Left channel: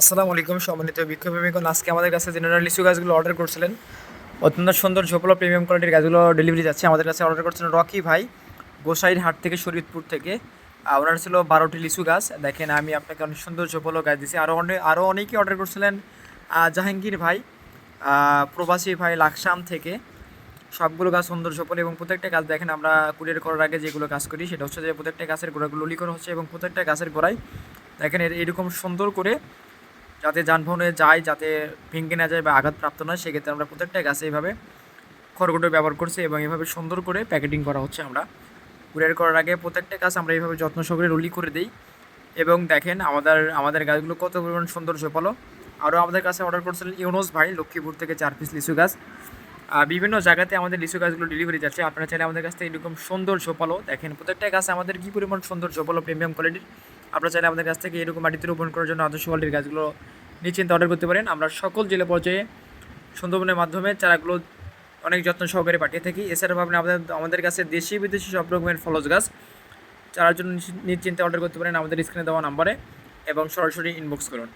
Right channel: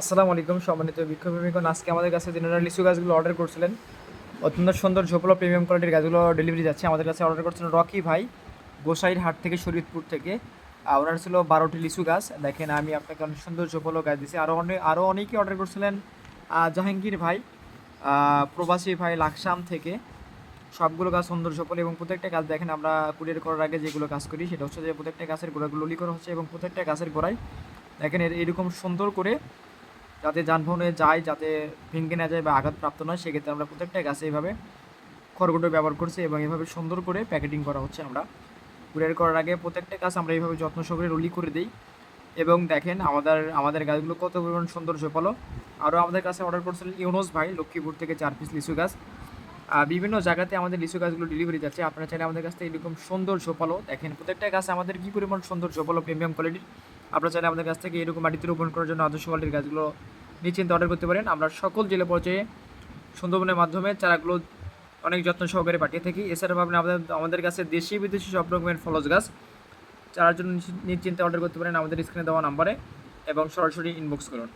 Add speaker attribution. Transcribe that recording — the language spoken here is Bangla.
Speaker 1: আসসালামু আলাইকুম সম্মানিত বিক্ষোভীগণ আজকে আমাদের কাছে জেনারেল লিচু গাছগুলো অর্ডার করছিলেন। অত্যন্ত সুন্দর ঝোপলা প্রিমিয়াম কোয়ালিটির গাছগুলো ডেলিভারি যাচ্ছে, আমাদের কাছে অর্ডার করছিলেন রকি ভাই, গোসাইর হাট থেকে শরীয়তপুর থেকে। ওনার ছিল বারোটি লিচু গাছ, দেখেন আমি আপনাকে অনেক সুন্দর ঝোপলো গাছ দিয়েছি। আরও অনেক আরও অনেকেই অর্ডার করছিলেন জাহাঙ্গীর ভাই প্রবাসী ভাই লাকসাম থেকে। সবগুলো গাছ সুন্দর সফল এবং প্রত্যেকটা গাছ দেখেন আমরা কুরিয়ার করার আগে যেগুলো কাজ করি, সেটা হচ্ছে যে প্রত্যেকটা গাছের গোড়াগুলো লিকর হচ্ছে এবং প্রত্যেকটা গাছের গোড়ায় দেখেন এর- এরকম সুন্দর করে যাতে যানবাহনে যায়, যাতে ভেঙে না যায় বা আঘাতপ্রাপ্ত নয়, সেক্ষেত্রে আমরা প্রত্যেকটা গাছে এইভাবে খড়গুলো ব্যবহার করছি এবং এভাবে সুন্দর করে প্যাকেটিং করা হচ্ছে আমরা। কুরিয়ার করার আগে প্রত্যেকটা গাছ আমরা এইভাবে যত্ন সহকারে রুলি করে দিই। এবং দেখেন আমাদের আমাদের গাছগুলো কত পরিমাণ সুন্দর ঝোপালো। আরও আমাদের কাছে অর্ডার করছিলেন ইউনোস ভাই, লক্ষ্মীপুর থেকে চার পিস লিচু গাছ। বিভিন্ন জায়গাতে আমাদের লিচু গাছগুলো ডেলিভারি যাচ্ছে। আপনারা চাইলে আমাদের কাছ থেকে এরকম সুন্দর ঝোপালো দেখেন। প্রত্যেকটা গাছ আমাদের কী পরিমাণ সুন্দর ঝোপালো প্রিমিয়াম কোয়ালিটির আপনারা চাইলে আমাদের কাছ থেকে এরকম মাটিতে রোপণ করার জন্য আদর্শ কোয়ালিটির গাছগুলো নিশ্চিন্তে অর্ডার করতে পারেন। আমরা সকল জেলা পর্যায়ে সুন্দরবনের মাধ্যমে চারাগুলো অনেক যত্ন সহকারে পাঠিয়ে থাকি। এছাড়াও আপনি আমাদের আমাদের কাছে দেশি বিদেশি সব রকমের ফলস গাছ চারার জন্য নিশ্চিন্তে অর্ডার করতে পারেন। আমাদের স্ক্রিনে দেওয়া নাম্বারে এবং সরাসরি ইনবক্স করুন।